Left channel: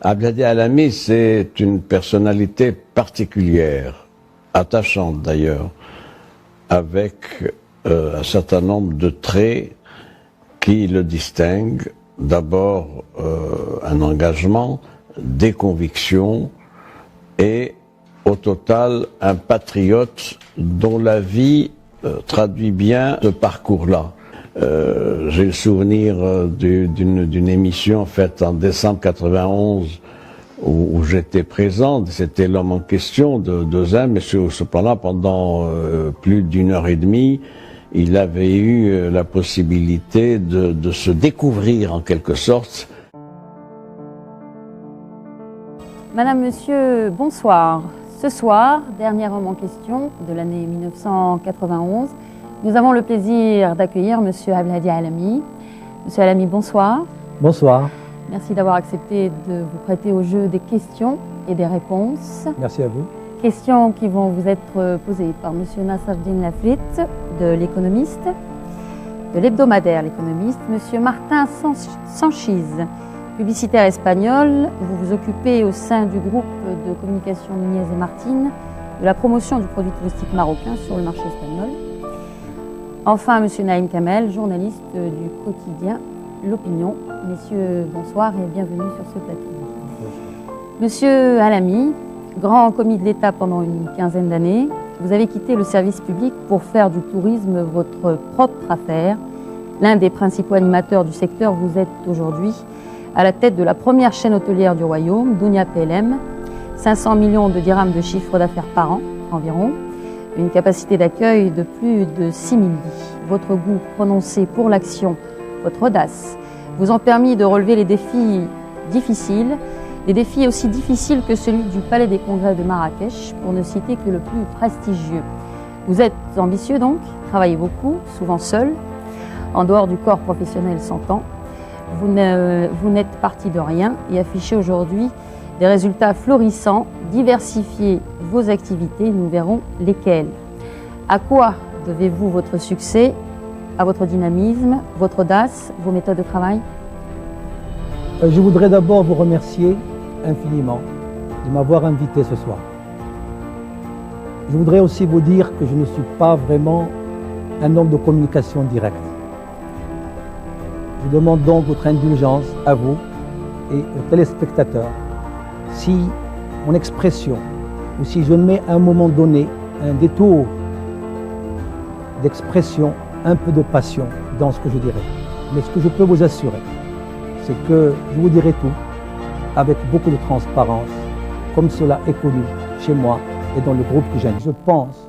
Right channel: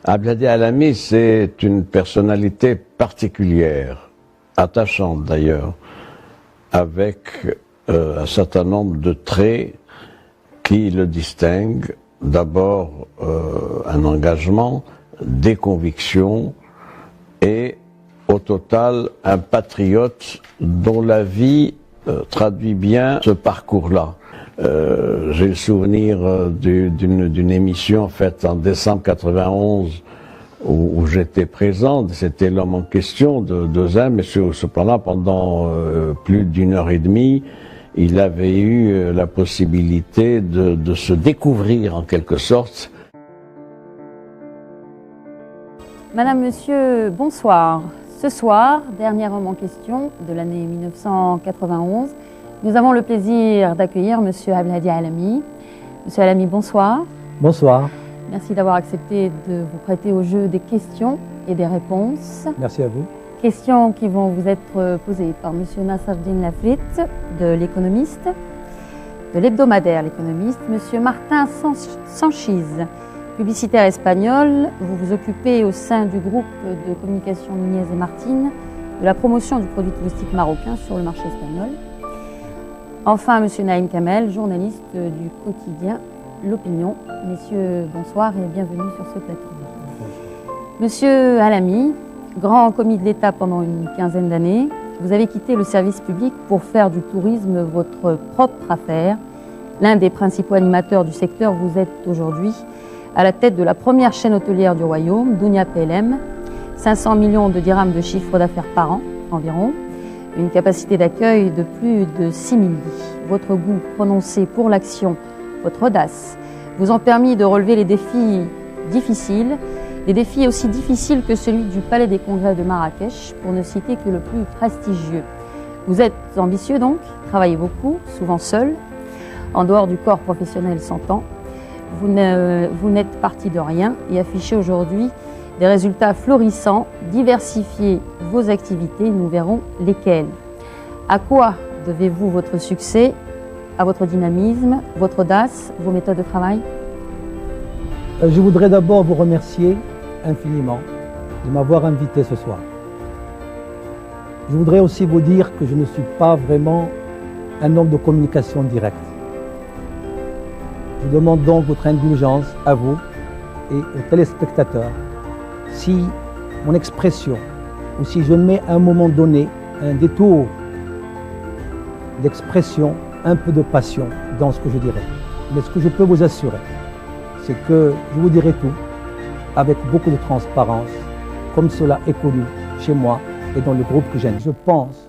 Abdelhadi Alami, c'est une personnalité particulière, attachante d'ailleurs, avec un certain nombre de traits qui le distinguent. D'abord, un engagement, des convictions et, au total, un patriote dont la vie traduit bien ce parcours-là. J'ai le souvenir d'une émission faite en décembre 91 où j'étais présent. C'était l'homme en question de Zen, mais cependant pendant plus d'une heure et demie, il avait eu la possibilité de se découvrir en quelque sorte. Madame, Monsieur, bonsoir. Ce soir, dernier homme en question de l'année 1991, nous avons le plaisir d'accueillir Monsieur Abdelhadi Alami. Monsieur Alami, bonsoir. Bonsoir. Merci d'avoir accepté de vous prêter au jeu des questions et des réponses. Merci à vous. Questions qui vont vous être posées par Monsieur Nasserdine Lafrit de l'Économiste, de l'hebdomadaire L'Économiste, Monsieur Martin Sanchiz, publicitaire espagnol. Vous vous occupez au sein du groupe de communication Nunez et Martin de la promotion du produit touristique marocain sur le marché espagnol. Enfin, Monsieur Naïm Kamel, journaliste du quotidien L'Opinion. Messieurs, bonsoir et bienvenue sur ce plateau. Monsieur Alami, grand commis de l'État pendant une quinzaine d'années, vous avez quitté le service public pour faire du tourisme votre propre affaire. L'un des principaux animateurs du secteur, vous êtes aujourd'hui à la tête de la première chaîne hôtelière du royaume, Dunia PLM, 500 millions de dirhams de chiffre d'affaires par an environ, une capacité d'accueil de plus de 6000 lits. Votre goût prononcé pour l'action, votre audace, vous ont permis de relever les défis difficiles, des défis aussi difficiles que celui du Palais des Congrès de Marrakech, pour ne citer que le plus prestigieux. Vous êtes ambitieux donc, travaillez beaucoup, souvent seul, en dehors du corps professionnel s'entend. Vous n'êtes parti de rien et affichez aujourd'hui des résultats florissants. Diversifiez vos activités, nous verrons lesquelles. À quoi devez-vous votre succès? À votre dynamisme, votre audace, vos méthodes de travail? Je voudrais d'abord vous remercier infiniment de m'avoir invité ce soir. Je voudrais aussi vous dire que je ne suis pas vraiment un homme de communication directe. Je demande donc votre indulgence à vous et aux téléspectateurs si mon expression ou si je mets à un moment donné un détour d'expression, un peu de passion dans ce que je dirai. Mais ce que je peux vous assurer, c'est que je vous dirai tout avec beaucoup de transparence, comme cela est connu chez moi et dans le groupe que j'aime. Je pense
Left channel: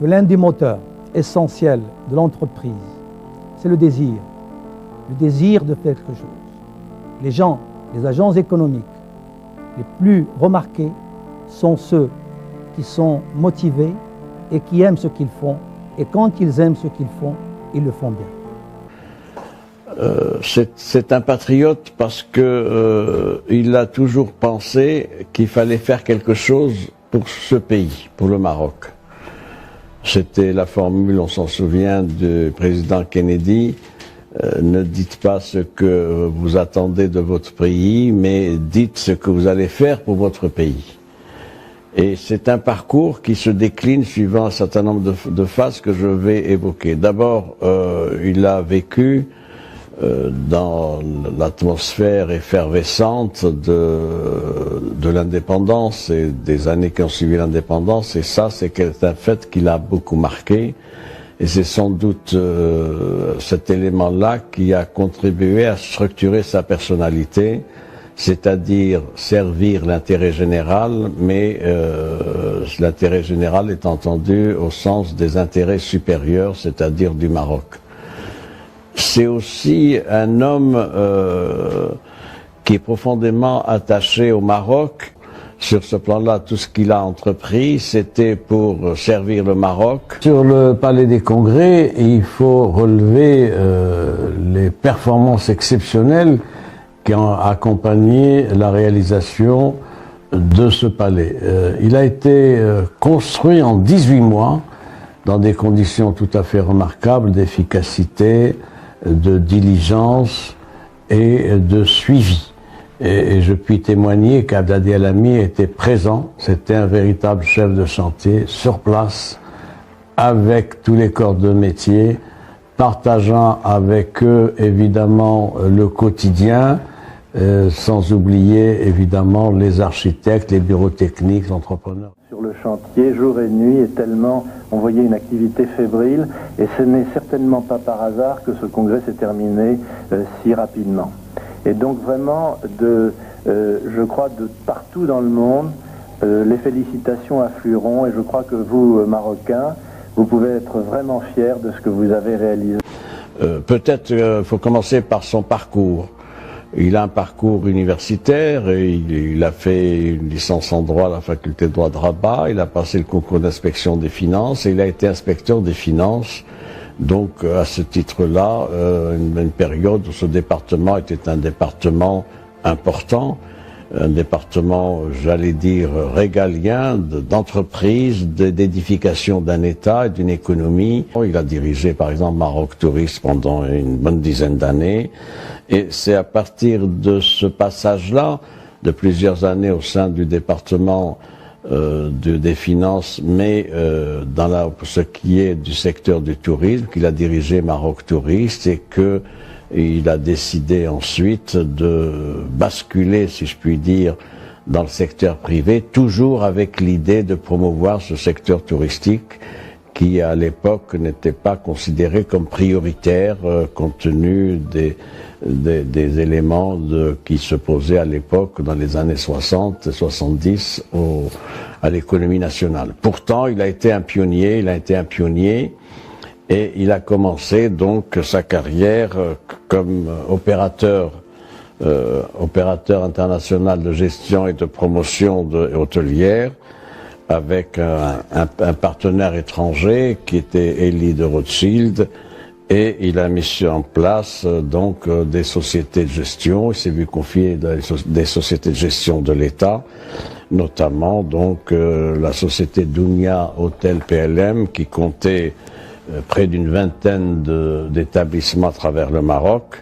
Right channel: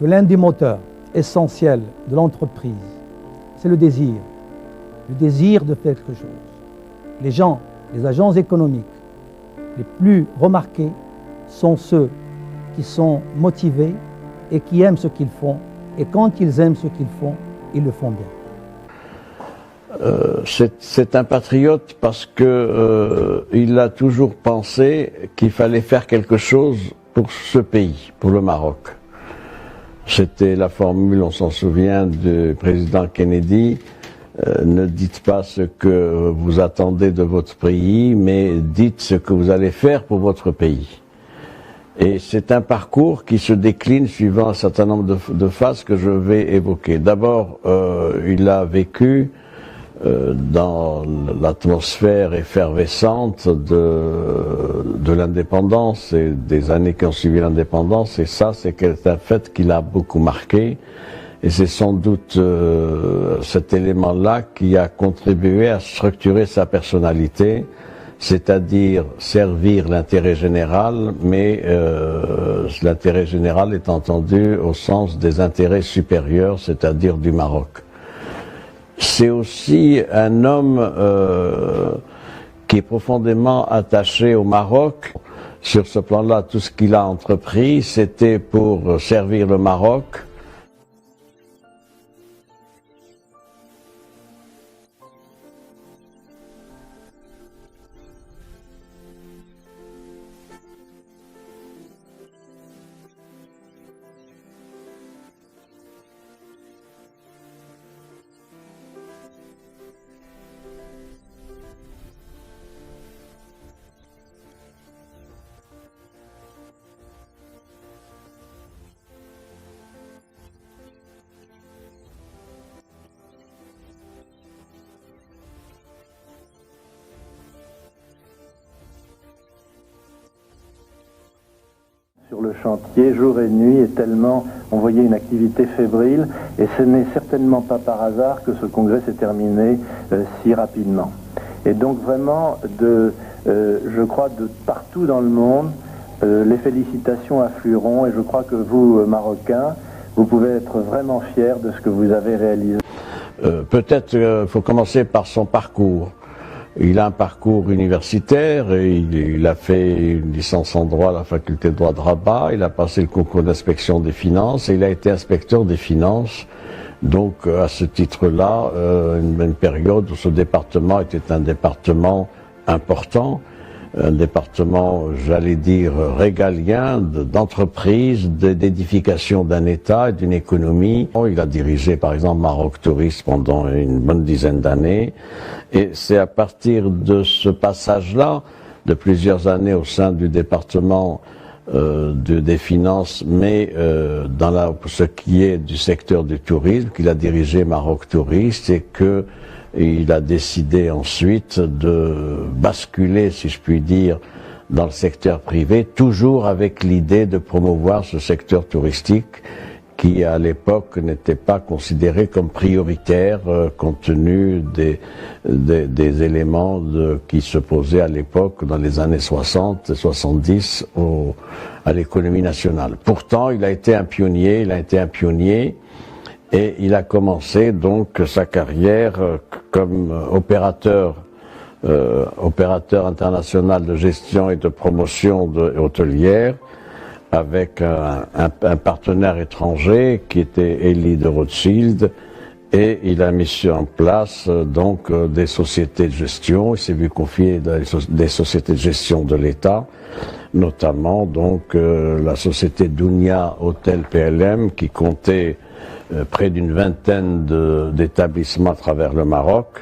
que l'un des moteurs essentiels de l'entreprise, c'est le désir de faire quelque chose. Les gens, les agents économiques les plus remarqués sont ceux qui sont motivés et qui aiment ce qu'ils font. Et quand ils aiment ce qu'ils font, ils le font bien. C'est un patriote parce que il a toujours pensé qu'il fallait faire quelque chose pour ce pays, pour le Maroc. C'était la formule, on s'en souvient, du président Kennedy. Ne dites pas ce que vous attendez de votre pays, mais dites ce que vous allez faire pour votre pays. Et c'est un parcours qui se décline suivant un certain nombre de phases que je vais évoquer. D'abord, il a vécu dans l'atmosphère effervescente de l'indépendance et des années qui ont suivi l'indépendance, et ça, c'est un fait qui l'a beaucoup marqué. Et c'est sans doute cet élément-là qui a contribué à structurer sa personnalité, c'est-à-dire servir l'intérêt général, mais l'intérêt général est entendu au sens des intérêts supérieurs, c'est-à-dire du Maroc. C'est aussi un homme qui est profondément attaché au Maroc. Sur ce plan-là, tout ce qu'il a entrepris, c'était pour servir le Maroc. Sur le Palais des Congrès, il faut relever les performances exceptionnelles qui ont accompagné la réalisation de ce palais. Il a été construit en 18 mois, dans des conditions tout à fait remarquables d'efficacité, de diligence et de suivi. Et je puis témoigner qu'Abdadi El-Ami était présent, c'était un véritable chef de chantier sur place, avec tous les corps de métier, partageant avec eux évidemment le quotidien, sans oublier évidemment les architectes, les bureaux techniques, les entrepreneurs. Sur le chantier, jour et nuit, et tellement on voyait une activité fébrile, et ce n'est certainement pas par hasard que ce congrès s'est terminé si rapidement. Et donc vraiment, je crois de partout dans le monde, les félicitations afflueront, et je crois que vous, Marocains, vous pouvez être vraiment fiers de ce que vous avez réalisé. Peut-être il faut commencer par son parcours. Il a un parcours universitaire et il a fait une licence en droit à la faculté de droit de Rabat, il a passé le concours d'inspection des finances et il a été inspecteur des finances. Donc à ce titre-là, une période où ce département était un département important, un département, j'allais dire, régalien, d'entreprise, d'édification d'un État et d'une économie. Il a dirigé par exemple Maroc Touriste pendant une bonne dizaine d'années. Et c'est à partir de ce passage-là, de plusieurs années au sein du département des finances, mais dans ce qui est du secteur du tourisme, qu'il a dirigé Maroc Touriste et qu'il a décidé ensuite de basculer, si je puis dire, dans le secteur privé, toujours avec l'idée de promouvoir ce secteur touristique qui à l'époque n'était pas considéré comme prioritaire compte tenu des éléments qui se posaient à l'époque dans les années 60 et 70 à l'économie nationale. Pourtant, il a été un pionnier, et il a commencé donc sa carrière comme opérateur international de gestion et de promotion hôtelière, avec un partenaire étranger qui était Elie de Rothschild, et il a mis en place donc des sociétés de gestion. Il s'est vu confier des sociétés de gestion de l'État, notamment donc la société Dounia Hôtel PLM qui comptait près d'une vingtaine d'établissements à travers le Maroc.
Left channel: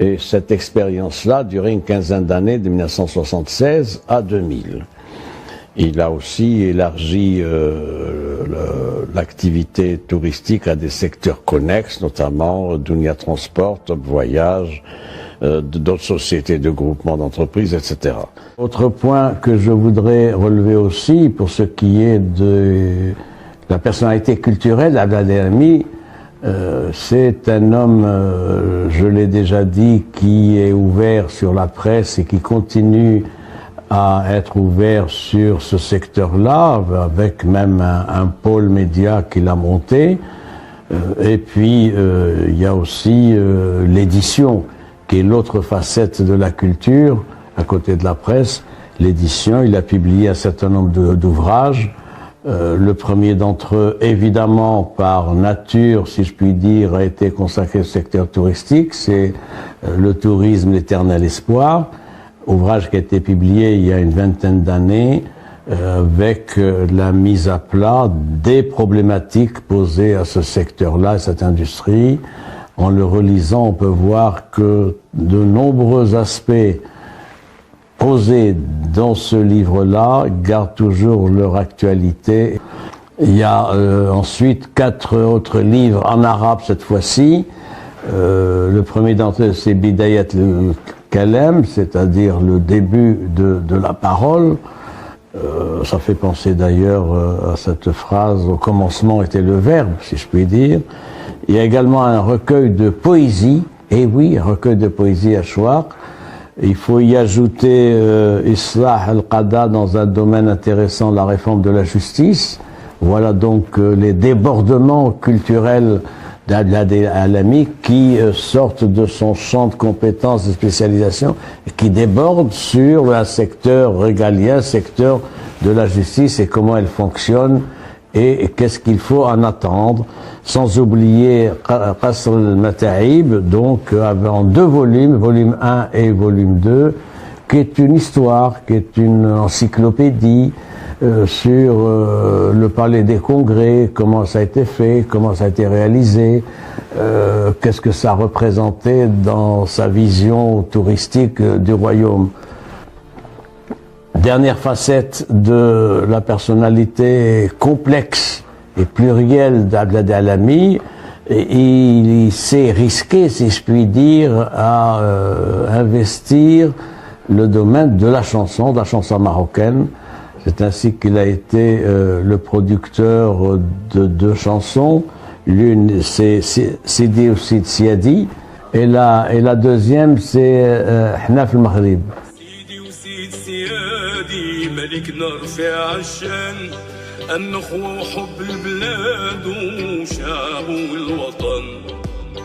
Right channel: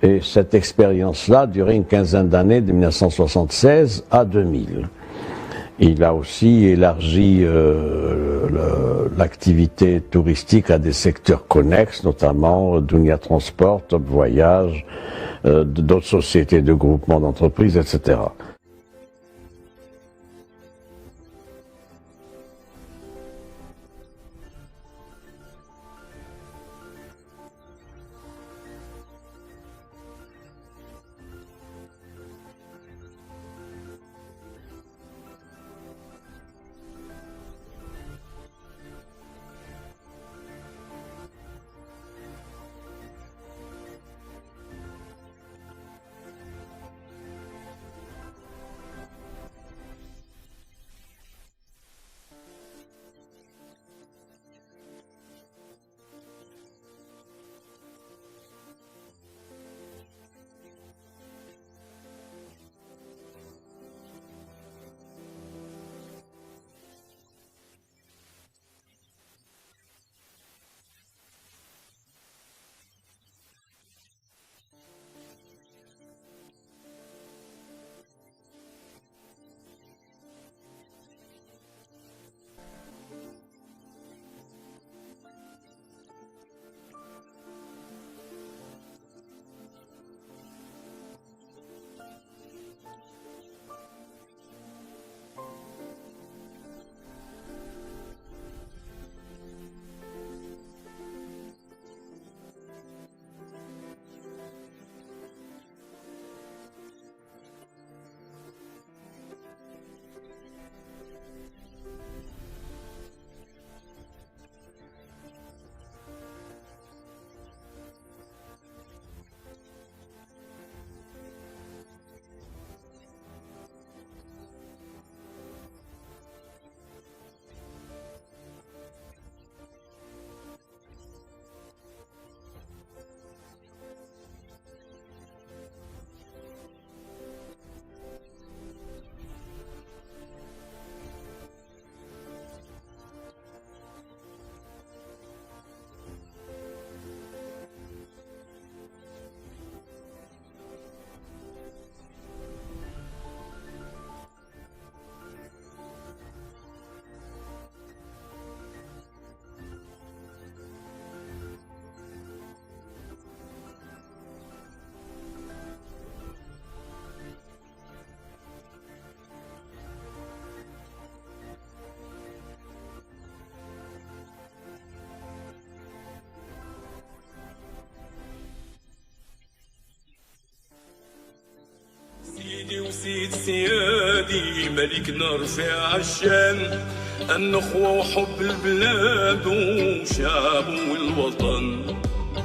Et cette expérience-là a duré une quinzaine d'années, de 1976 à 2000. Il a aussi élargi l'activité touristique à des secteurs connexes, notamment Dounia Transport, Top Voyage, d'autres sociétés de groupement d'entreprises, etc. Autre point que je voudrais relever aussi, pour ce qui est de la personnalité culturelle d'Abdadi El-Ami, c'est un homme, je l'ai déjà dit, qui est ouvert sur la presse et qui continue à être ouvert sur ce secteur-là, avec même un pôle média qu'il a monté. Et puis, il y a aussi l'édition, qui est l'autre facette de la culture, à côté de la presse. L'édition, il a publié un certain nombre d'ouvrages. Le premier d'entre eux, évidemment, par nature, si je puis dire, a été consacré au secteur touristique. C'est Le tourisme, l'éternel espoir. Ouvrage qui a été publié il y a une vingtaine d'années avec la mise à plat des problématiques posées à ce secteur-là, à cette industrie. En le relisant, on peut voir que de nombreux aspects posés dans ce livre-là gardent toujours leur actualité. Il y a ensuite 4 autres livres en arabe cette fois-ci. Le premier d'entre eux, c'est Bidayat al-Kalam, c'est-à-dire le début de la parole. Ça fait penser d'ailleurs à cette phrase, au commencement était le verbe, si je puis dire. Il y a également un recueil de poésie, et oui, un recueil de poésie à Chouar. Il faut y ajouter Islah al-Qada dans un domaine intéressant, la réforme de la justice. Voilà donc les débordements culturels d'Abdadi El-Ami qui sortent de son champ de compétences et de spécialisation et qui débordent sur un secteur régalien, secteur de la justice et comment elle fonctionne et qu'est-ce qu'il faut en attendre. Sans oublier Qasr al-Mata'ib, donc en 2 volumes, volume 1 et volume 2, qui est une histoire, qui est une encyclopédie sur le palais des congrès, comment ça a été fait, comment ça a été réalisé, qu'est-ce que ça représentait dans sa vision touristique du royaume. Dernière facette de la personnalité complexe et plurielle d'Abdel Alami, il s'est risqué, si je puis dire, à investir le domaine de la chanson marocaine. C'est ainsi qu'il a été le producteur de deux chansons. L'une, c'est Sidi ou Sid Siadi, et la deuxième, c'est Hnaf al-Maghrib. Sidi ou Sid Siadi, Malikna rfia al-shan, النخوة وحب البلاد وشعب والوطن.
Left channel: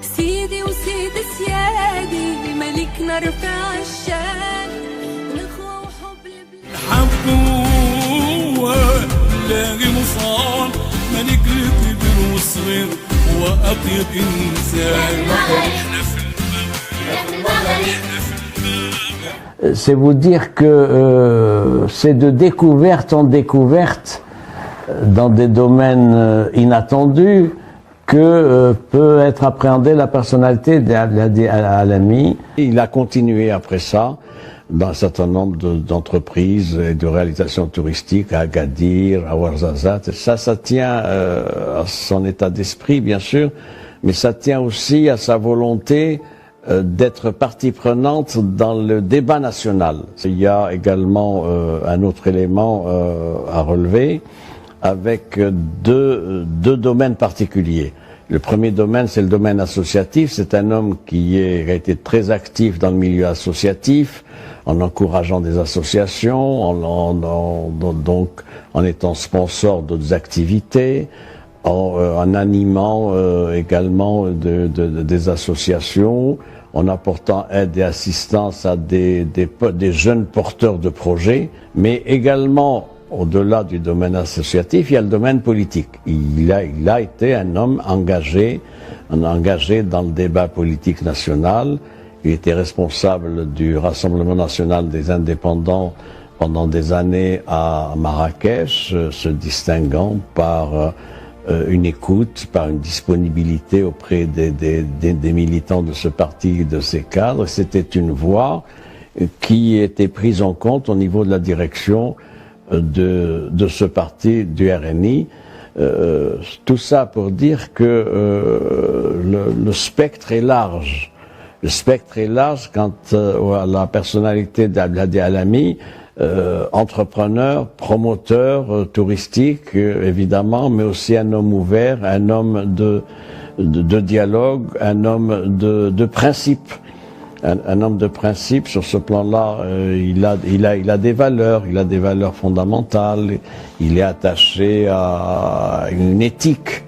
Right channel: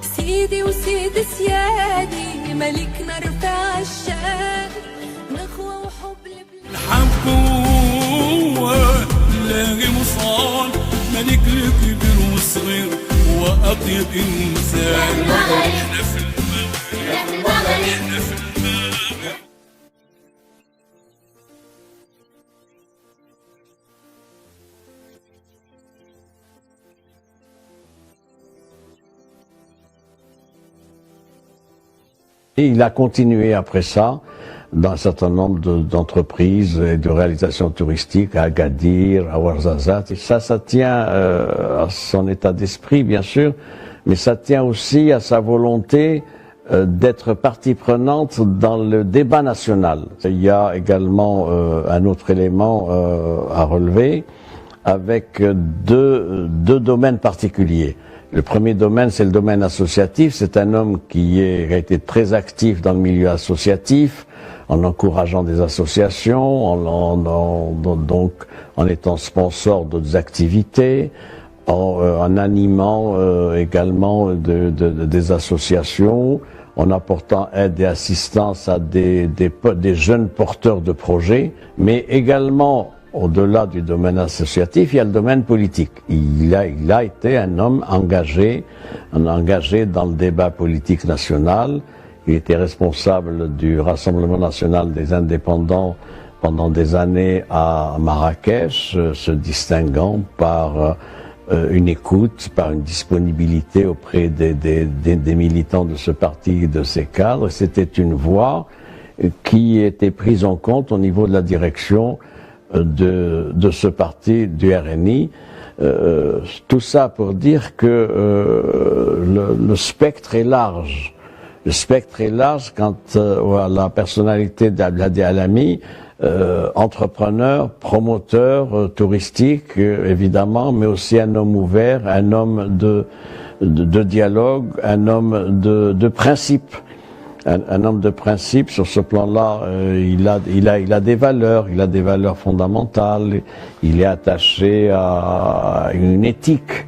سيدي وسيد سيادي ملكنا رفع الشان، نخوة وحب البلاد. الحبوة لاقي مصان، ملك الكبير والصغير وأطيب إنسان. C'est vous dire que c'est de découverte en découverte, dans des domaines inattendus, que peut être appréhendée la personnalité d'Abdel Alami. Il a continué après ça dans un certain nombre d'entreprises et de réalisations touristiques à Agadir, à Ouarzazate. Ça tient à son état d'esprit, bien sûr, mais ça tient aussi à sa volonté d'être partie prenante dans le débat national. Il y a également un autre élément à relever, avec deux domaines particuliers. Le premier domaine, c'est le domaine associatif. C'est un homme qui a été très actif dans le milieu associatif, en encourageant des associations, donc en étant sponsor d'autres activités, en animant également des associations, en apportant aide et assistance à des jeunes porteurs de projets, mais également, au-delà du domaine associatif, il y a le domaine politique. Il a été un homme engagé dans le débat politique national. Il était responsable du Rassemblement national des indépendants pendant des années à Marrakech, se distinguant par une écoute, par une disponibilité auprès des militants de ce parti et de ses cadres. C'était une voix qui était prise en compte au niveau de la direction de ce parti du RNI. Tout ça pour dire que le spectre est large. Le spectre est large quant à la personnalité d'Abdel Alami, entrepreneur, promoteur touristique évidemment, mais aussi un homme ouvert, un homme de dialogue, un homme de principe. Un homme de principe. Sur ce plan-là, il a des valeurs fondamentales. Il est attaché à une éthique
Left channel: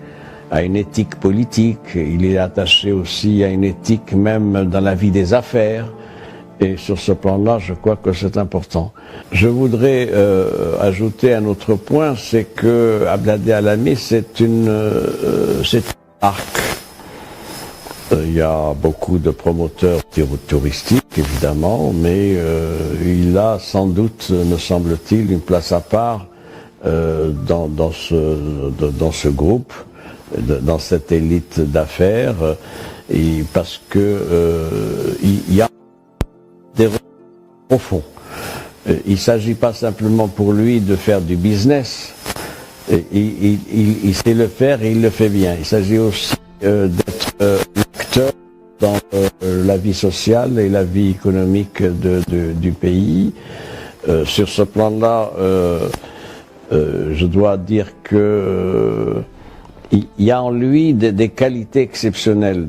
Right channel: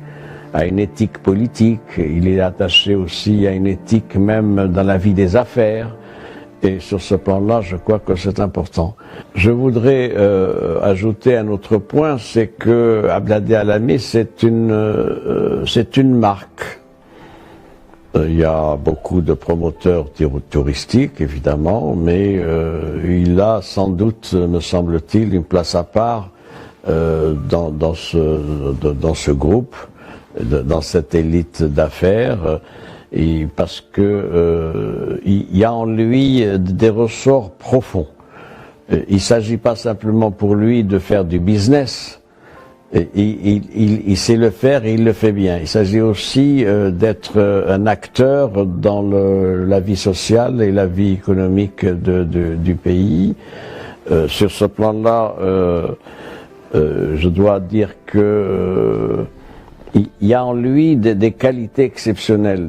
politique. Il est attaché aussi à une éthique même dans la vie des affaires. Et sur ce plan-là, je crois que c'est important. Je voudrais ajouter un autre point, c'est que Abdel Alami, c'est une marque. Il y a beaucoup de promoteurs touristiques, évidemment, mais il a sans doute, me semble-t-il, une place à part dans ce groupe, dans cette élite d'affaires, parce que il y a en lui des ressorts profonds. Il ne s'agit pas simplement pour lui de faire du business. Il sait le faire et il le fait bien. Il s'agit aussi d'être un acteur dans la vie sociale et la vie économique du pays. Sur ce plan-là, je dois dire que il y a en lui des qualités exceptionnelles,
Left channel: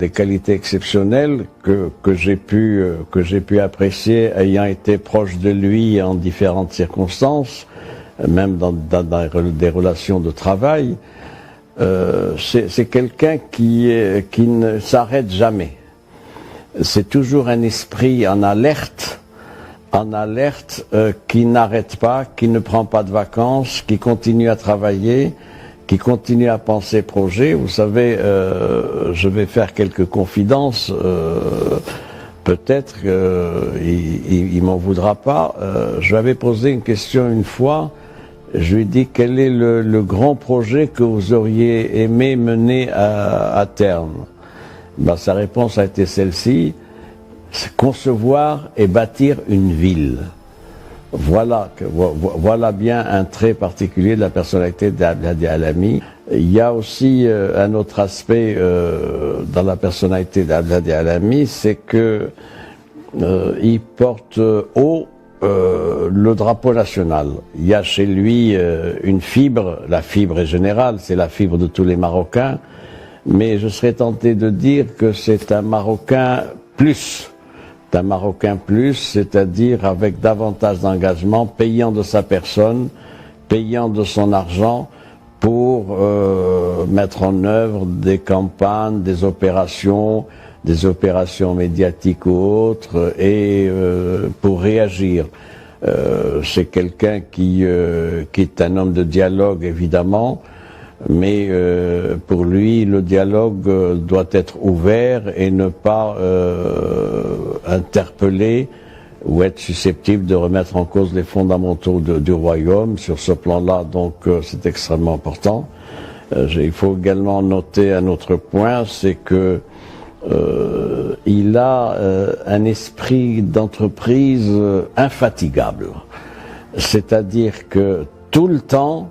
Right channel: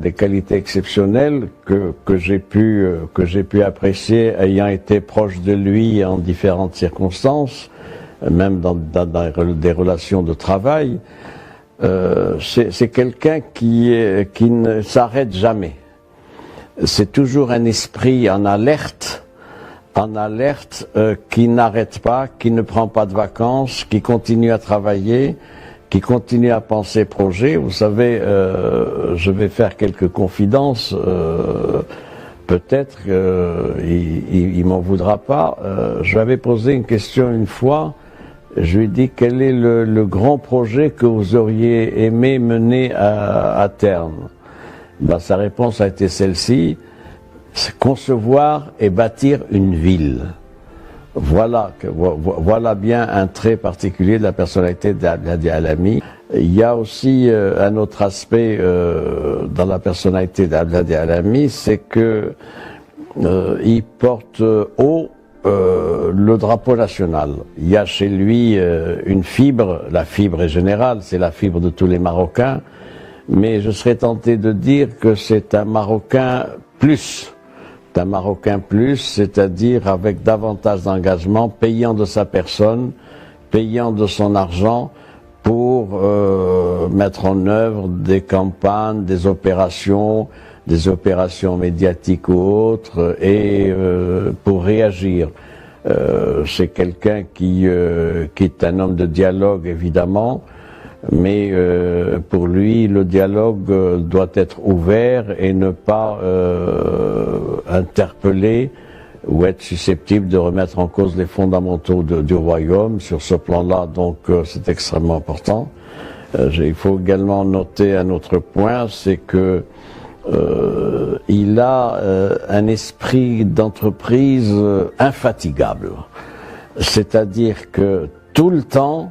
que j'ai pu apprécier ayant été proche de lui en différentes circonstances, même dans des relations de travail. C'est quelqu'un qui ne s'arrête jamais. C'est toujours un esprit en alerte, qui n'arrête pas, qui ne prend pas de vacances, qui continue à travailler, qui continue à penser projet. Vous savez, je vais faire quelques confidences. Peut-être qu'il m'en voudra pas. Je lui avais posé une question une fois. Je lui ai dit quel est le grand projet que vous auriez aimé mener à terme. Sa réponse a été celle-ci: concevoir et bâtir une ville. Voilà bien un trait particulier de la personnalité d'Abdelhadi Alami. Il y a aussi un autre aspect dans la personnalité d'Abdelhadi Alami, c'est que il porte haut le drapeau national. Il y a chez lui une fibre, la fibre est générale, c'est la fibre de tous les Marocains, mais je serais tenté de dire que c'est un Marocain plus. Un Marocain plus, c'est-à-dire avec davantage d'engagement, payant de sa personne, payant de son argent pour mettre en œuvre des campagnes, des opérations médiatiques ou autres, et pour réagir. C'est quelqu'un qui est un homme de dialogue, évidemment, mais pour lui, le dialogue doit être ouvert et ne pas interpeller ou être susceptible de remettre en cause les fondamentaux du royaume. Sur ce plan-là, donc, c'est extrêmement important. Il faut également noter un autre point, c'est que il a un esprit d'entreprise infatigable. C'est-à-dire que tout le temps,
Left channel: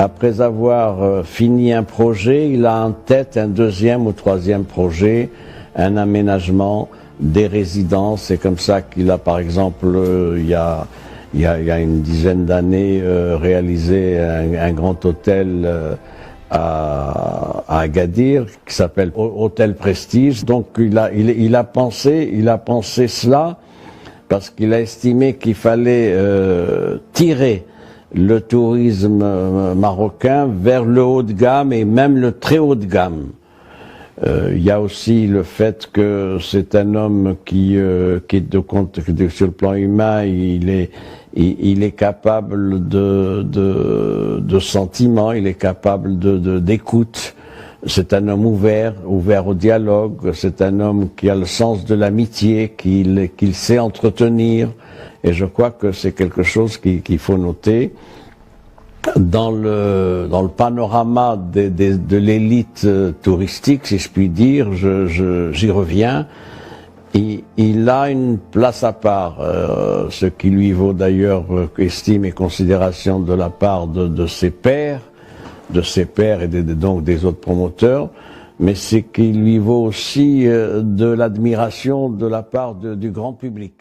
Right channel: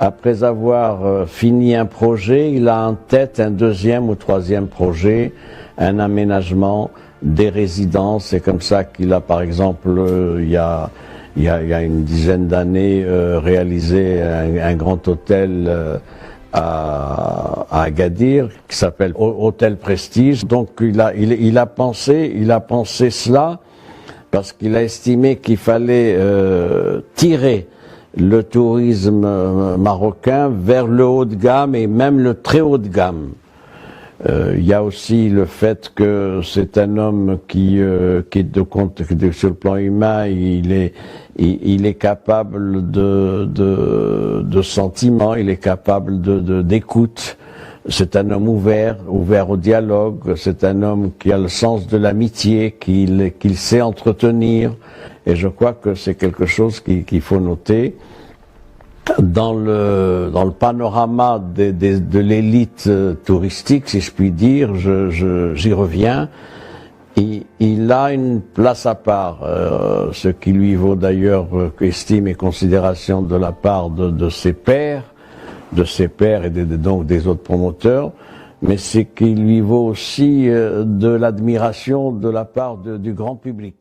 après avoir fini un projet, il a en tête un deuxième ou troisième projet, un aménagement, des résidences. C'est comme ça qu'il a, par exemple, il y a une dizaine d'années, réalisé un grand hôtel à Agadir qui s'appelle Hôtel Prestige. Donc il a pensé cela parce qu'il a estimé qu'il fallait tirer le tourisme marocain vers le haut de gamme et même le très haut de gamme. Il y a aussi le fait que c'est un homme qui est sur le plan humain, il est capable de sentiments, il est capable d'écoute. C'est un homme ouvert au dialogue. C'est un homme qui a le sens de l'amitié, qu'il sait entretenir. Et je crois que c'est quelque chose qu'il faut noter. Dans le panorama de l'élite touristique, si je puis dire, j'y reviens, il a une place à part, ce qui lui vaut d'ailleurs estime et considération de la part de ses pairs et donc des autres promoteurs, mais c'est qu'il lui vaut aussi de l'admiration de la part du grand public.